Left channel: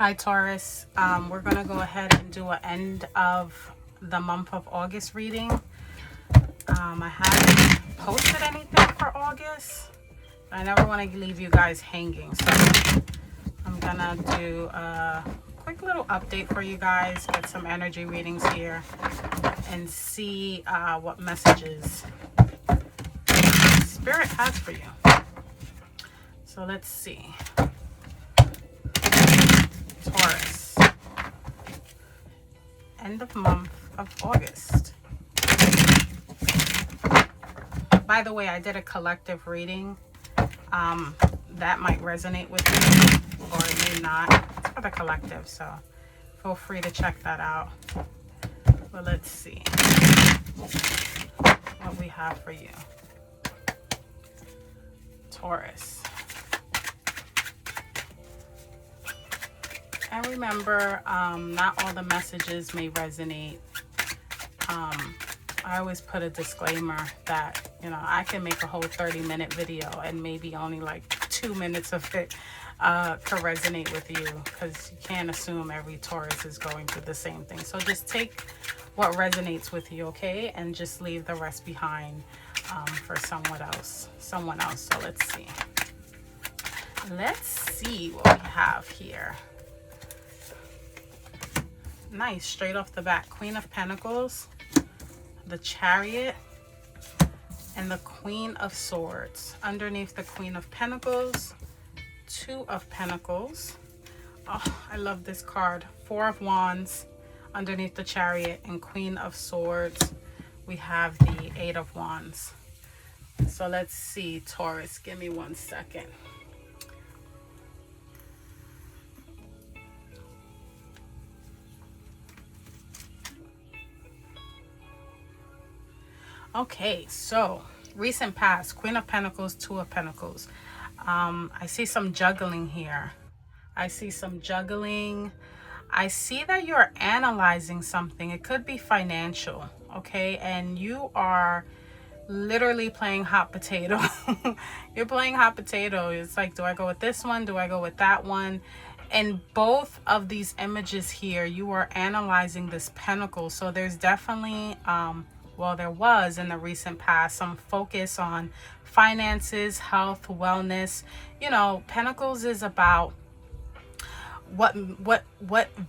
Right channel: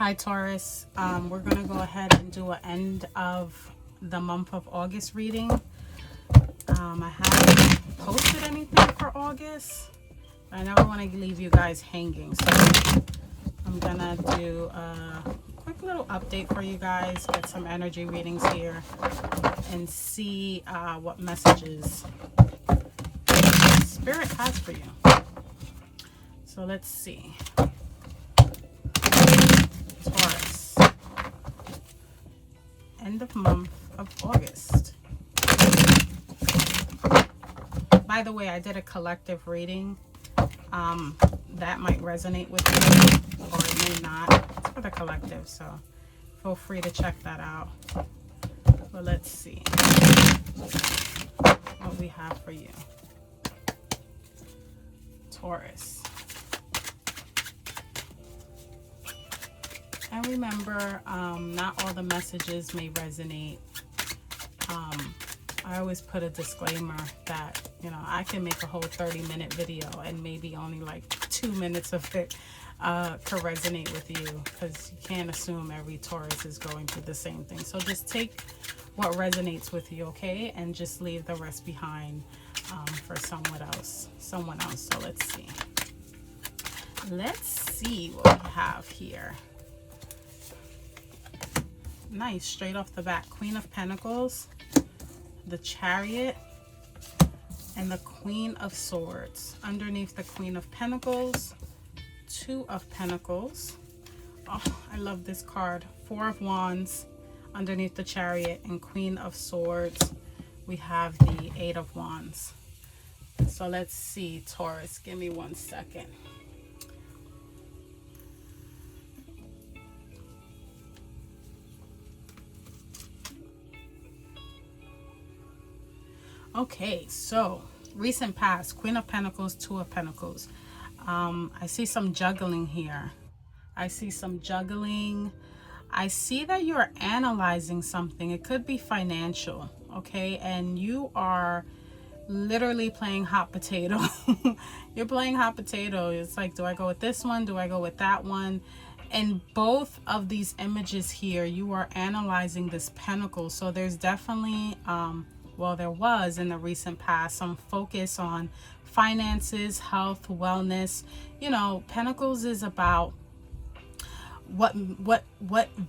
Hi Taurus, we're going to go ahead and do an end of the month of August reading. I haven't posted anything for August. I never want to leave you guys hanging, so I'm going to do a quick little update for you guys, get some energy readings here, and see what messages Spirit has for you. So let's see. Taurus, end of month of August. By the way, I did a collective reading. That might resonate with you or it may not. It's for the collective, so feel free to check that out. But let's see what we have for you. Taurus. And remember, not all the messages may resonate. I always put a disclaimer that, you know, I can make a whole 30-minute video and maybe only like 2 minutes of it could resonate with you, because you can't assume every Taurus is going through the same thing. So just take what resonates with you, okay? And just leave the rest behind for someone else. So let's see. Let's see what we have here. Nice, straight off the bat. Queen of Pentacles, the Chariot, and the Queen of Swords. Underneath the Queen of Pentacles, Two of Pentacles. Oh, I love this card. Four of Wands underneath the Chariot, and Queen of Swords. We have the Eight of Wands. So let's see, Taurus. Give me 1 second. Okay, so recent past, Queen of Pentacles, Two of Pentacles. I see some juggling here. I see some juggling. I see that you're analyzing something. It could be financial, okay? And you are literally playing hot potato. You're playing hot potato. It's like, do I go with this one? Do I go with that one? And both of these images here, you are analyzing this pentacle. So there's definitely... well, there was in the recent past some focus on finances, health, wellness. You know, Pentacles is about what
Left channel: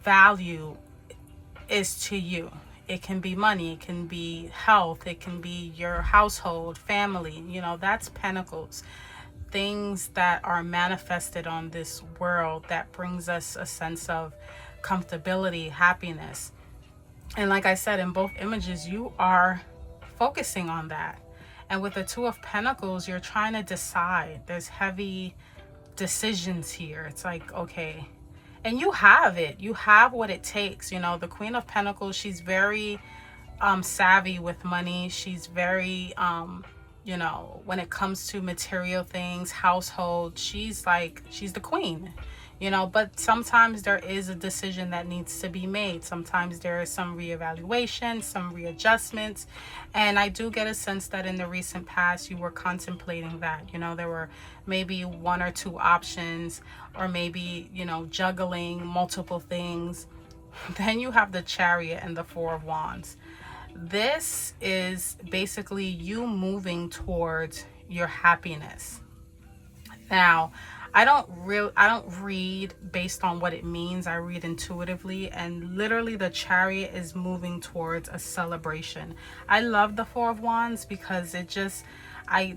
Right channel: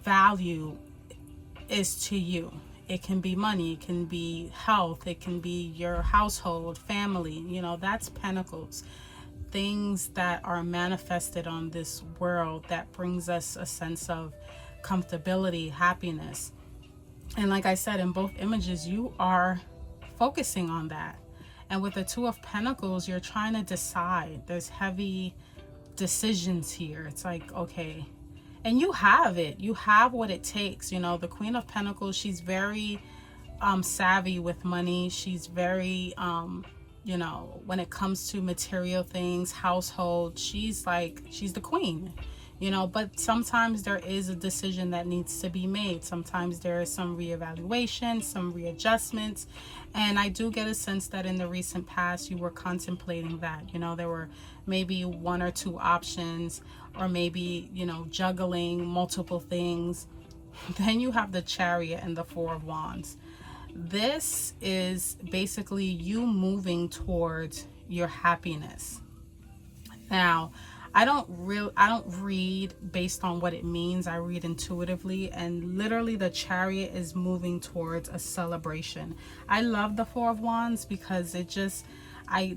value is to you. It can be money, it can be health, it can be your household, family. You know, that's Pentacles. Things that are manifested on this world that brings us a sense of comfortability, happiness. And like I said, in both images, you are focusing on that. And with the Two of Pentacles, you're trying to decide. There's heavy decisions here. It's like, okay. And you have it. You have what it takes. You know, the Queen of Pentacles, she's very savvy with money. She's very, you know, when it comes to material things, household, she's the queen. You know, but sometimes there is a decision that needs to be made. Sometimes there is some reevaluation, some readjustments. And I do get a sense that in the recent past, you were contemplating that. You know, there were maybe 1 or 2 options, or maybe, you know, juggling multiple things. Then you have the Chariot and the Four of Wands. This is basically you moving towards your happiness. Now, I don't read based on what it means. I read intuitively, and literally the Chariot is moving towards a celebration. I love the Four of Wands because it just,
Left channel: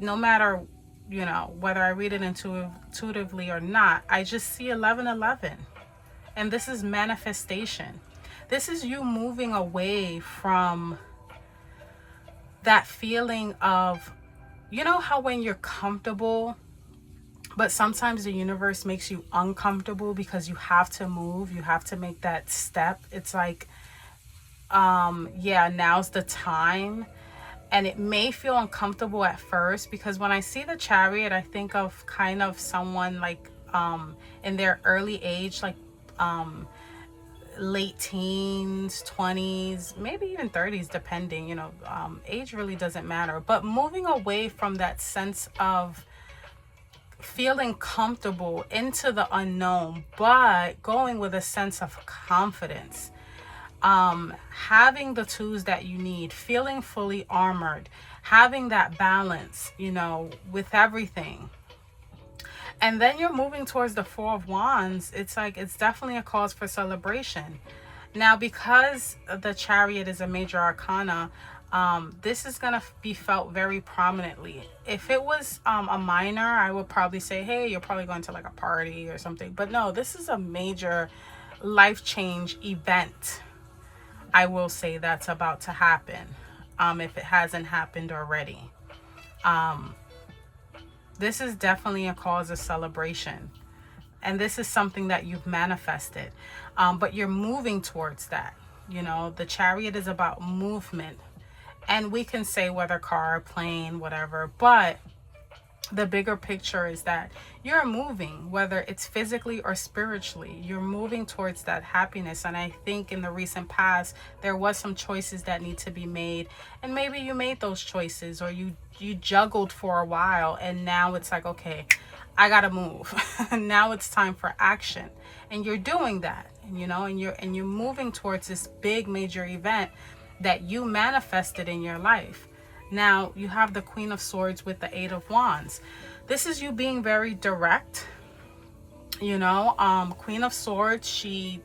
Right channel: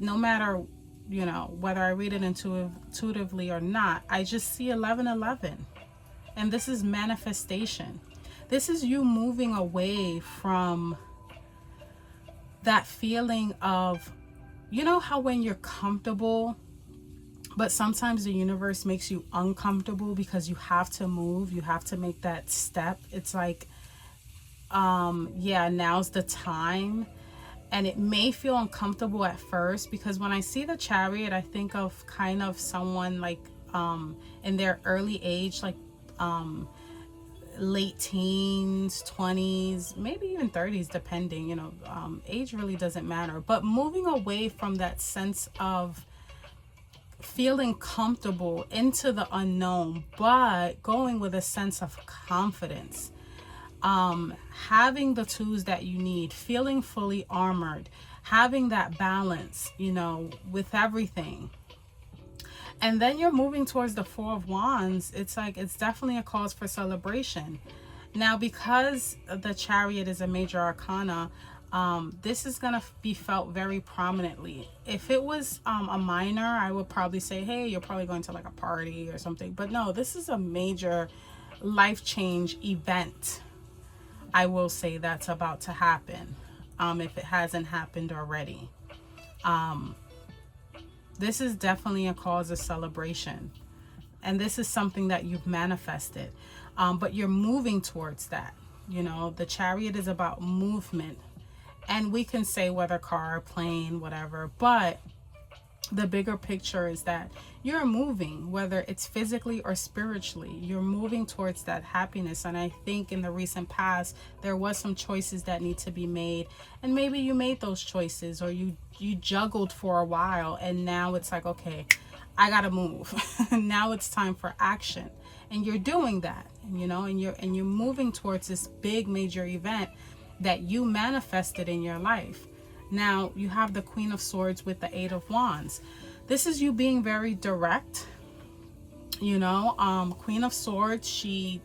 no matter, you know, whether I read it intuitively or not, I just see 1111. And this is manifestation. This is you moving away from that feeling of, you know how when you're comfortable, but sometimes the universe makes you uncomfortable because you have to move, you have to make that step. It's like, yeah, now's the time. And it may feel uncomfortable at first, because when I see the Chariot, I think of kind of someone like in their early age, like late teens, 20s, maybe even 30s, depending, you know, age really doesn't matter. But moving away from that sense of feeling comfortable into the unknown, but going with a sense of confidence. Having the tools that you need, feeling fully armored, having that balance, you know, with everything. And then you're moving towards the Four of Wands. It's like, it's definitely a cause for celebration. Now, because the Chariot is a major arcana, this is going to be felt very prominently. If it was a minor, I would probably say, hey, you're probably going to like a party or something. But no, this is a major life change event. I will say that's about to happen, if it hasn't happened already. This is definitely a cause of celebration. And this is something that you've manifested. But you're moving towards that. You know, the Chariot is about movement. And we can say whether car, plane, whatever. But the bigger picture is that you're moving, whether it's physically or spiritually. You're moving towards that happiness. And I think in the recent past, there was some choices that need to be made. And maybe you made those choices, or you juggled for a while. And now it's like, okay, I gotta move. Now it's time for action. And you're doing that, you know, and you're moving towards this big major event that you manifested in your life. Now you have the Queen of Swords with the Eight of Wands. This is you being very direct, you know. Queen of Swords, she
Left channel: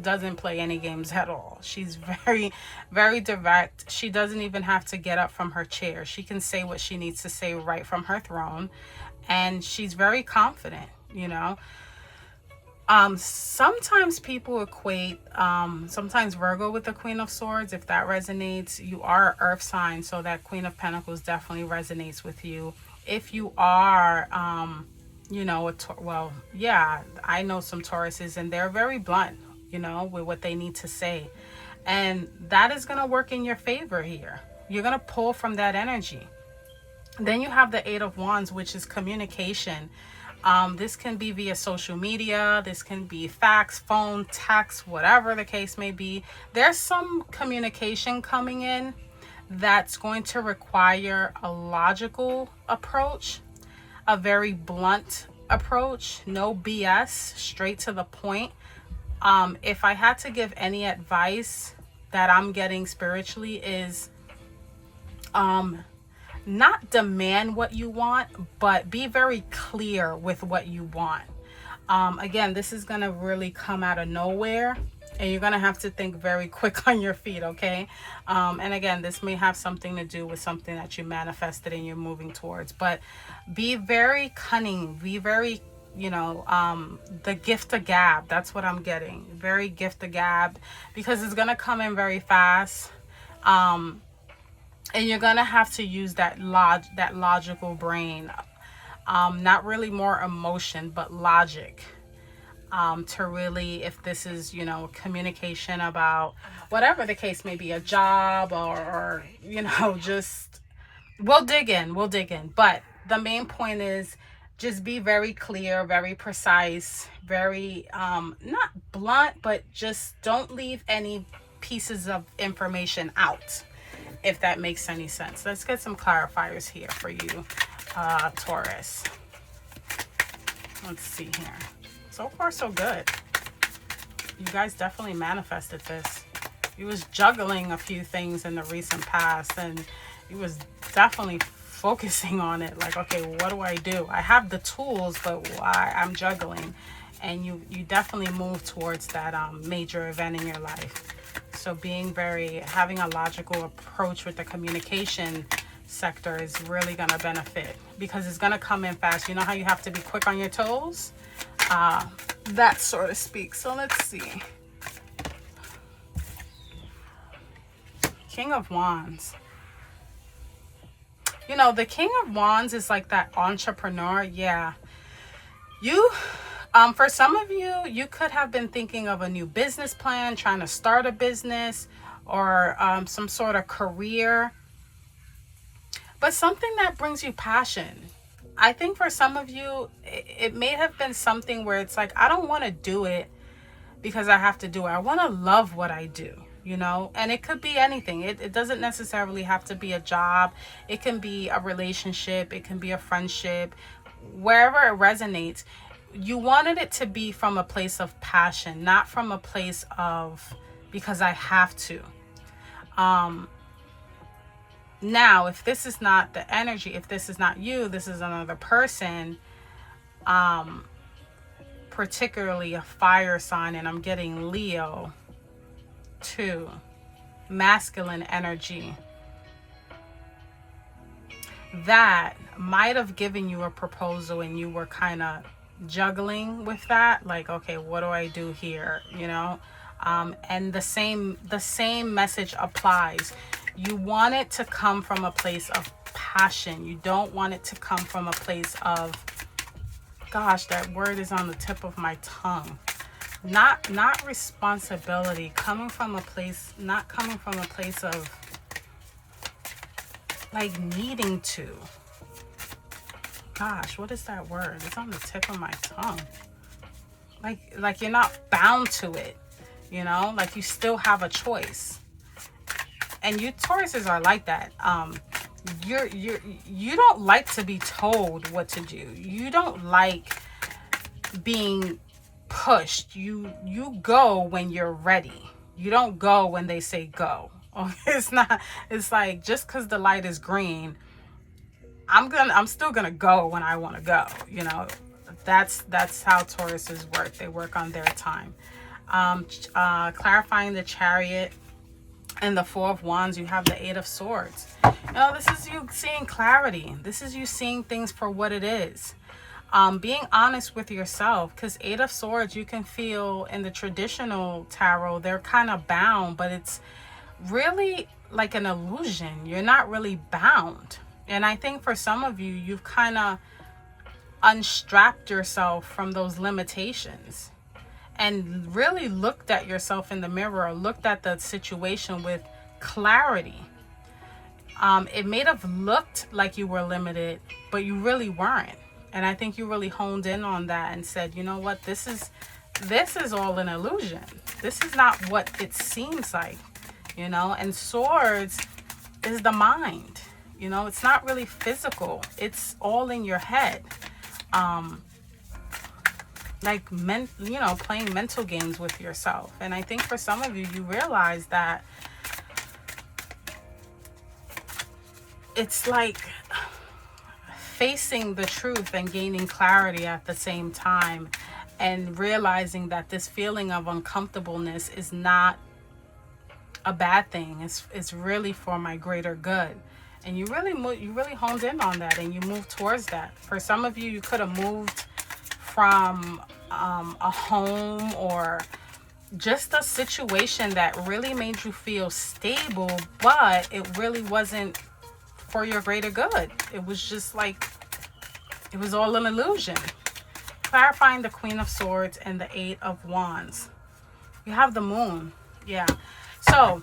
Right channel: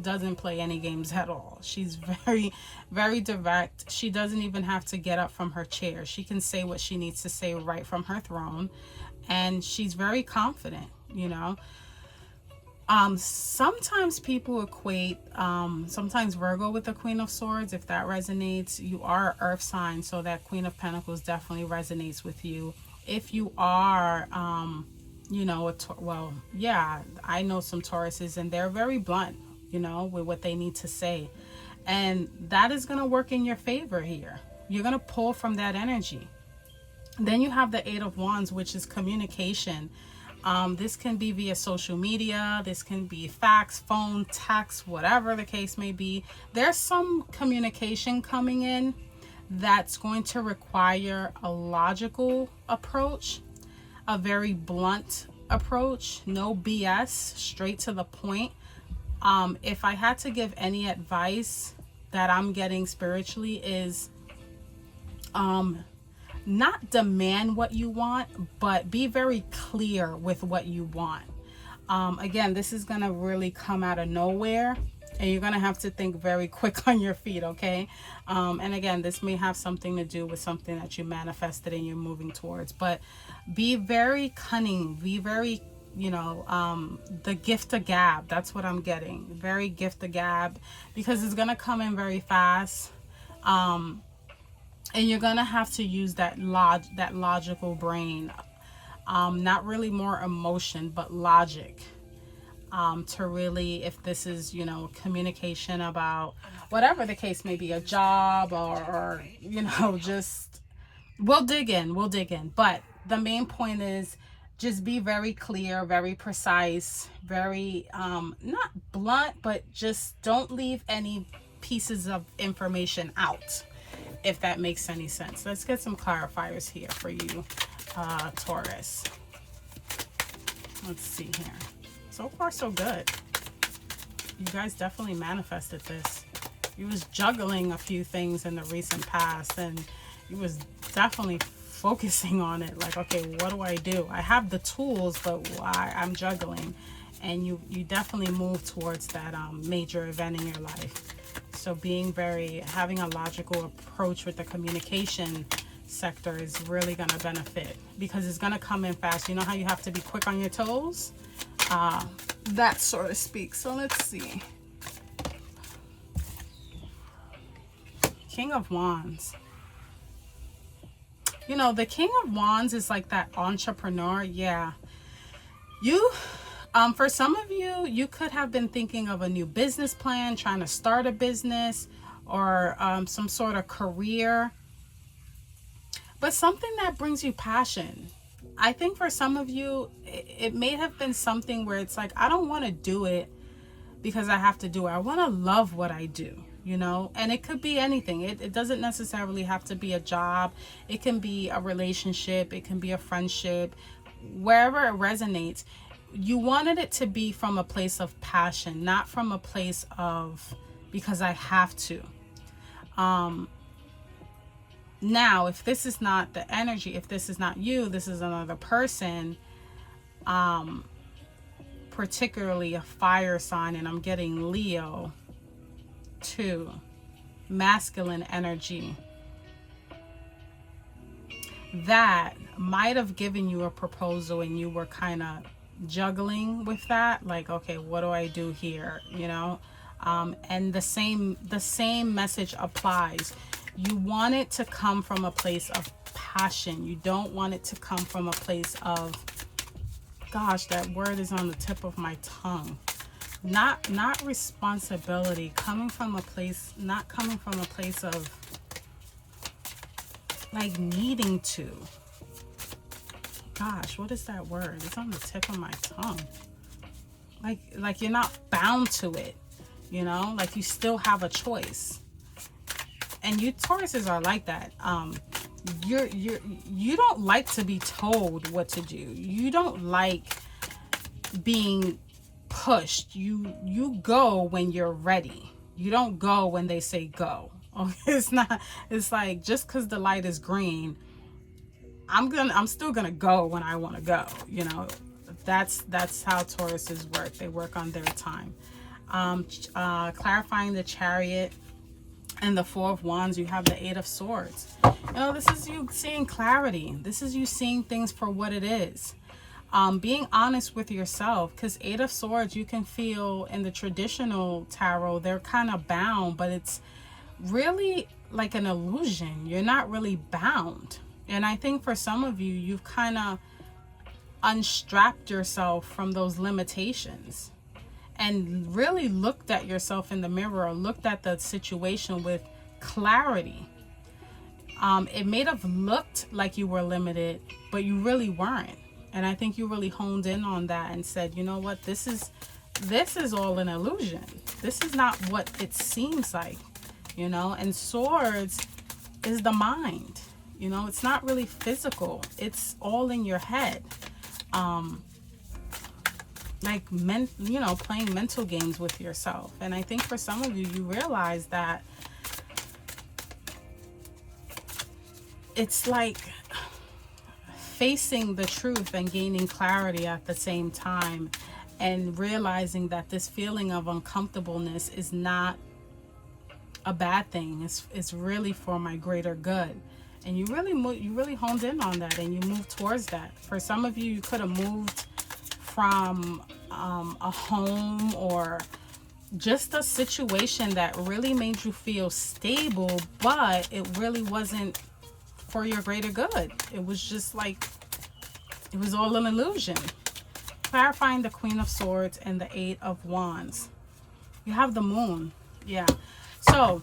doesn't play any games at all. She's very, very direct. She doesn't even have to get up from her chair. She can say what she needs to say right from her throne. And she's very confident, you know. Sometimes people equate sometimes Virgo with the Queen of Swords. If that resonates, you are an earth sign, so that Queen of Pentacles definitely resonates with you. If you are you know, well, yeah, I know some Tauruses, and they're very blunt, you know, with what they need to say, and that is going to work in your favor here. You're going to pull from that energy. Then you have the Eight of Wands, which is communication. This can be via social media. This can be fax, phone, text, whatever the case may be. There's some communication coming in that's going to require a logical approach, a very blunt approach, no BS, straight to the point. If I had to give any advice that I'm getting spiritually is, not demand what you want, but be very clear with what you want. Again, this is going to really come out of nowhere, and you're going to have to think very quick on your feet, okay? And again, this may have something to do with something that you manifested and you're moving towards, but be very cunning, be very, you know, the gift of gab. That's what I'm getting. Very gift of gab, because it's going to come in very fast. And you're gonna have to use that logical brain, not really more emotion, but logic, to really, if this is, you know, communication about whatever the case may be, a job or you know, just, we'll dig in. But the main point is just be very clear, very precise, very not blunt, but just don't leave any pieces of information out, if that makes any sense. Let's get some clarifiers here for you, Taurus. Let's see here. So far, so good. You guys definitely manifested this. You was juggling a few things in the recent past, and you was definitely focusing on it. Like, okay, what do I do? I have the tools, but I'm juggling. And you definitely move towards that major event in your life. So having a logical approach with the communication sector is really going to benefit, because it's going to come in fast. You know how you have to be quick on your toes? That sort of speak. So let's see. King of Wands. You know, the King of Wands is like that entrepreneur. Yeah. For some of you, you could have been thinking of a new business plan, trying to start a business, or some sort of career, but something that brings you passion. I think for some of you, it may have been something where it's like, I don't want to do it because I have to do it. I want to love what I do, you know, and it could be anything. It doesn't necessarily have to be a job. It can be a relationship. It can be a friendship. wherever it resonates, you wanted it to be from a place of passion, not from a place of because I have to. Now, if this is not the energy, if this is not you, this is another person, particularly a fire sign, and I'm getting Leo too, masculine energy, that might have given you a proposal and you were kind of juggling with that, like, okay, what do I do here, you know? And the same message applies. You want it to come from a place of passion. You don't want it to come from a place of, gosh, that word is on the tip of my tongue. Not responsibility, coming from a place, not coming from a place of like needing to. Gosh, what is that word? It's on the tip of my tongue. Like you're not bound to it, you know, like you still have a choice. And you Tauruses are like that. You don't like to be told what to do. You don't like being pushed. You go when you're ready. You don't go when they say go. It's not, it's like, just because the light is green, I'm still gonna go when I want to go, you know. That's how Tauruses work. They work on their time. Clarifying the Chariot and the Four of Wands, you have the Eight of Swords. You know, this is you seeing clarity. This is you seeing things for what it is. Being honest with yourself, because Eight of Swords, you can feel in the traditional tarot, they're kind of bound, but it's really like an illusion. You're not really bound. And I think for some of you, you've kind of unstrapped yourself from those limitations and really looked at yourself in the mirror, or looked at the situation with clarity. It may have looked like you were limited, but you really weren't. And I think you really honed in on that and said, you know what, this is all an illusion. This is not what it seems like, you know. And Swords is the mind, you know. It's not really physical. It's all in your head. Like you know, playing mental games with yourself. And I think for some of you, you realize that it's like facing the truth and gaining clarity at the same time, and realizing that this feeling of uncomfortableness is not a bad thing. It's really for my greater good. And you really honed in on that, and you moved towards that. For some of you, you could have moved from a home or just a situation that really made you feel stable, but it really wasn't for your greater good. It was just like, it was all an illusion. Clarifying the Queen of Swords and the Eight of Wands. You have the Moon. Yeah. So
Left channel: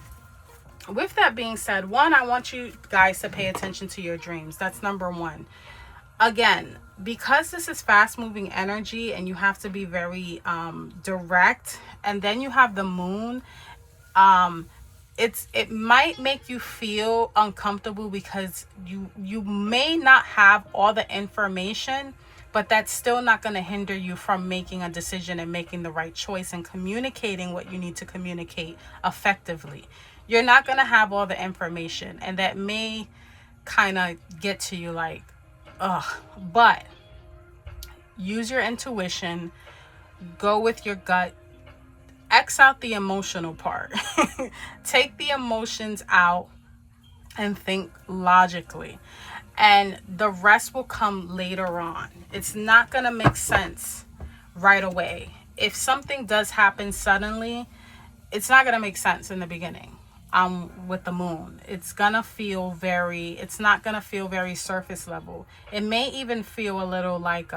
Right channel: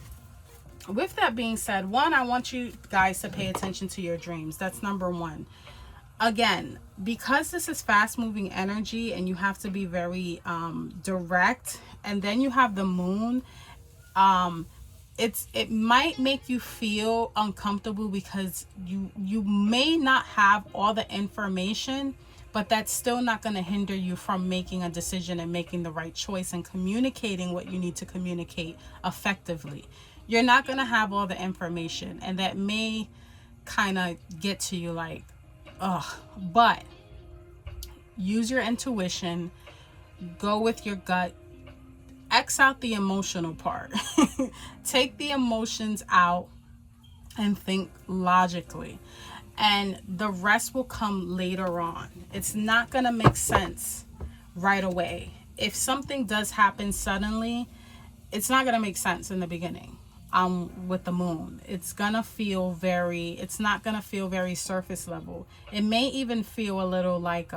with that being said, one, I want you guys to pay attention to your dreams. That's number one. Again, because this is fast moving energy and you have to be very direct, and then you have the Moon, it might make you feel uncomfortable because you may not have all the information, but that's still not going to hinder you from making a decision and making the right choice and communicating what you need to communicate effectively. You're not going to have all the information, and that may kind of get to you like, ugh. But use your intuition, go with your gut, X out the emotional part. Take the emotions out and think logically, and the rest will come later on. It's not going to make sense right away. If something does happen suddenly, it's not going to make sense in the beginning. With the Moon, it's not gonna feel very surface level. It may even feel a little like,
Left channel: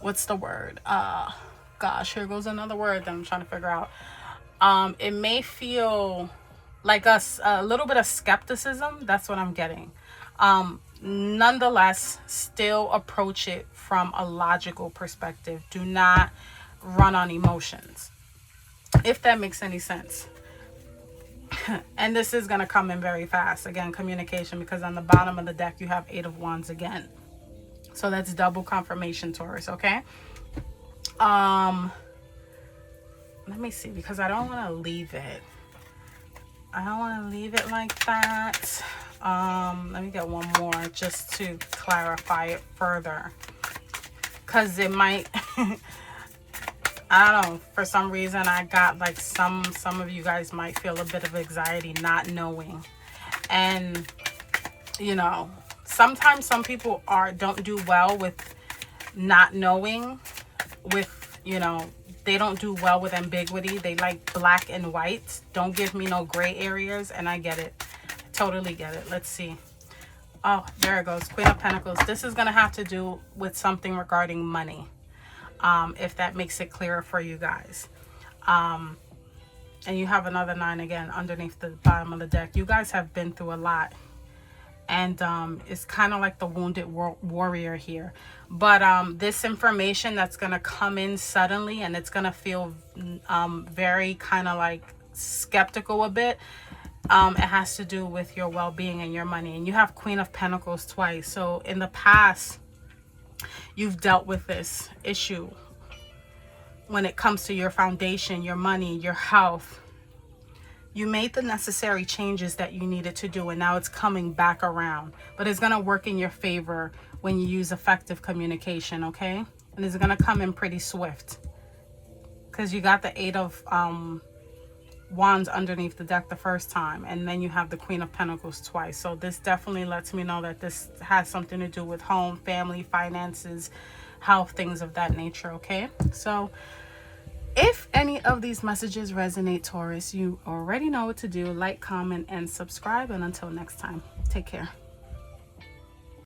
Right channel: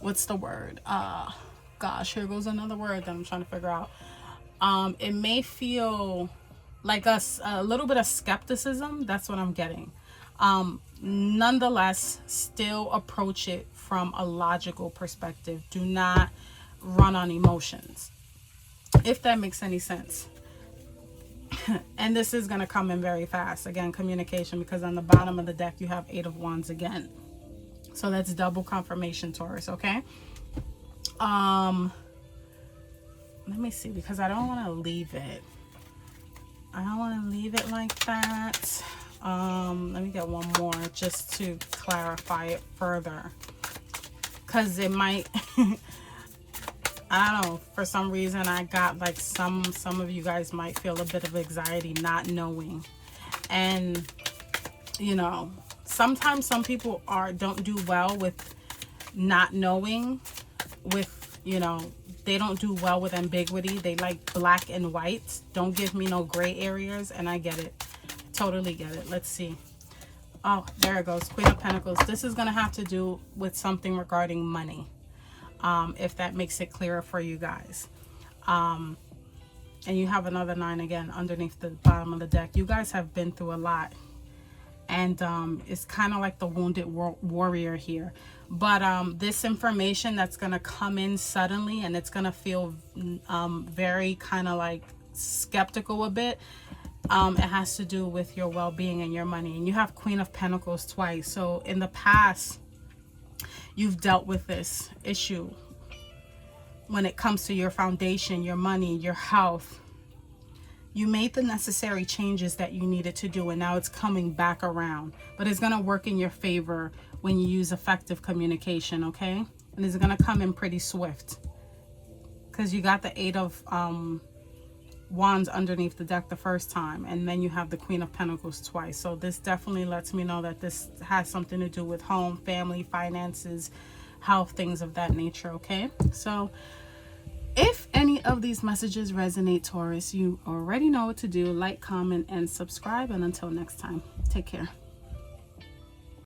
what's the word? Gosh, here goes another word that I'm trying to figure out. It may feel like a little bit of skepticism. That's what I'm getting. Nonetheless, still approach it from a logical perspective. Do not run on emotions, if that makes any sense. And this is going to come in very fast. Again, communication, because on the bottom of the deck you have Eight of Wands again. So that's double confirmation, Taurus, okay? Let me see, because I don't want to leave it. I don't want to leave it like that. Let me get one more just to clarify it further. Because it might, I don't know, for some reason I got like some of you guys might feel a bit of anxiety not knowing. And, you know, sometimes some people don't do well with not knowing, with, you know, they don't do well with ambiguity. They like black and white. Don't give me no gray areas. And I get it. I totally get it. Let's see. Oh, there it goes. Queen of Pentacles. This is going to have to do with something regarding money. If that makes it clearer for you guys. And you have another 9 again underneath the bottom of the deck. You guys have been through a lot. And it's kind of like the wounded warrior here. But this information that's going to come in suddenly, and it's going to feel very kind of like skeptical a bit. It has to do with your well-being and your money. And you have Queen of Pentacles twice. So in the past, you've dealt with this issue when it comes to your foundation, your money, your health. You made the necessary changes that you needed to do, and now it's coming back around. But it's going to work in your favor when you use effective communication, okay? And it's going to come in pretty swift. Because you got the 8 of Wands underneath the deck the first time, and then you have the Queen of Pentacles twice. So this definitely lets me know that this has something to do with home, family, finances, health, things of that nature, okay? So if any of these messages resonate, Taurus, you already know what to do. Like, comment, and subscribe. And until next time, take care.